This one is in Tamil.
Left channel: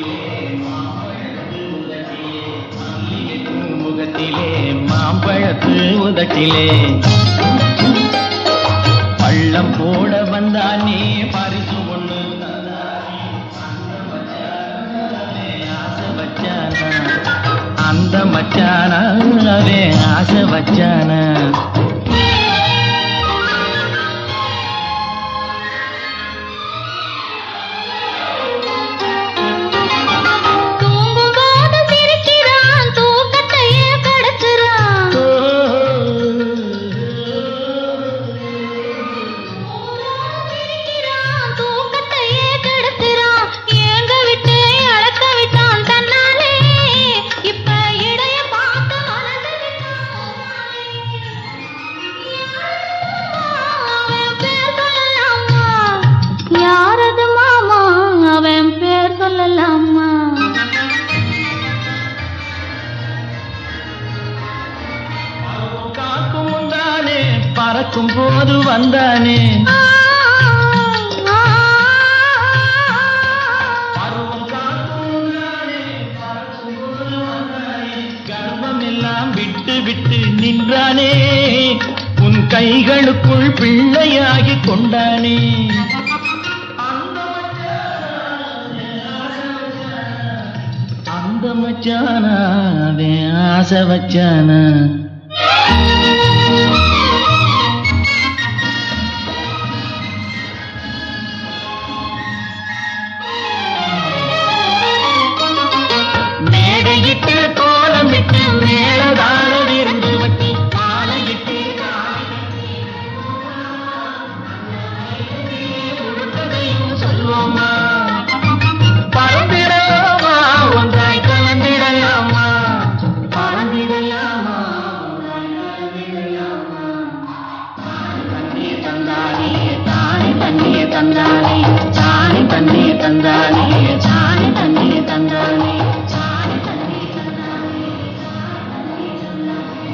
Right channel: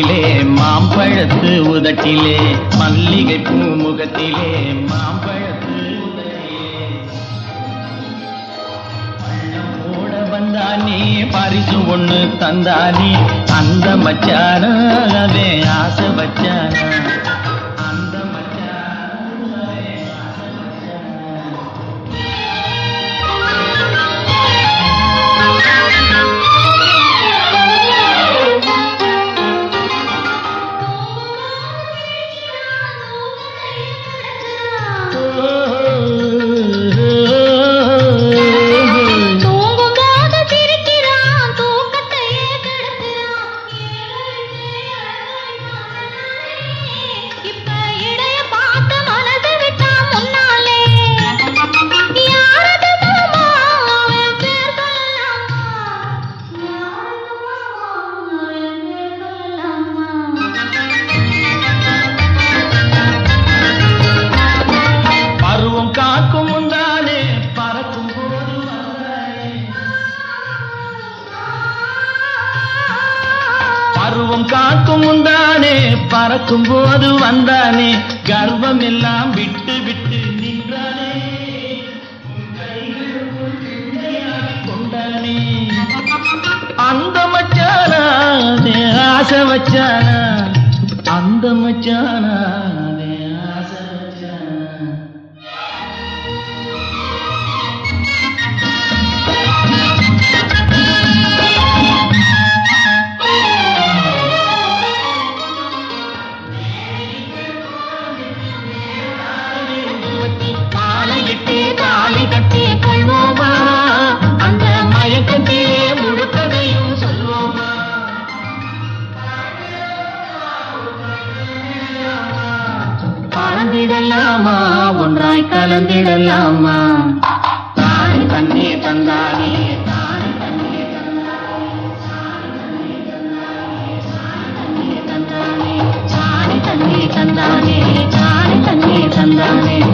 முகத்திலே மாம்பழத்து உதட்டிலே மல்லிகை பூ முகத்திலே மாம்பழத்து உதட்டிலே. பள்ளம் போட வந்தானே பரிசு ஒண்ணு தந்தானே அந்த மச்சானாவே ஆசை வச்சானா? அந்த மச்சானாவே ஆசை வச்சானா? போது வந்தானே கர்வம் எல்லாம் விட்டு விட்டு நின்றானே உன் கைகளுக்குள் பிள்ளையாகி கொண்டானே. அந்த மச்சானா ஆசை வச்சானா? அந்த மச்சானா ஆசை வச்சானா? கலந்திடலாமா? தாய் தண்ணியை தந்தாலே தாய் தண்ணியை தந்தாலே தாய் தண்ணியை தந்தாலே தாய் தண்ணியை தந்தாலே தாய் தண்ணியை தந்தாலே தாய் தண்ணியை தந்தாலே.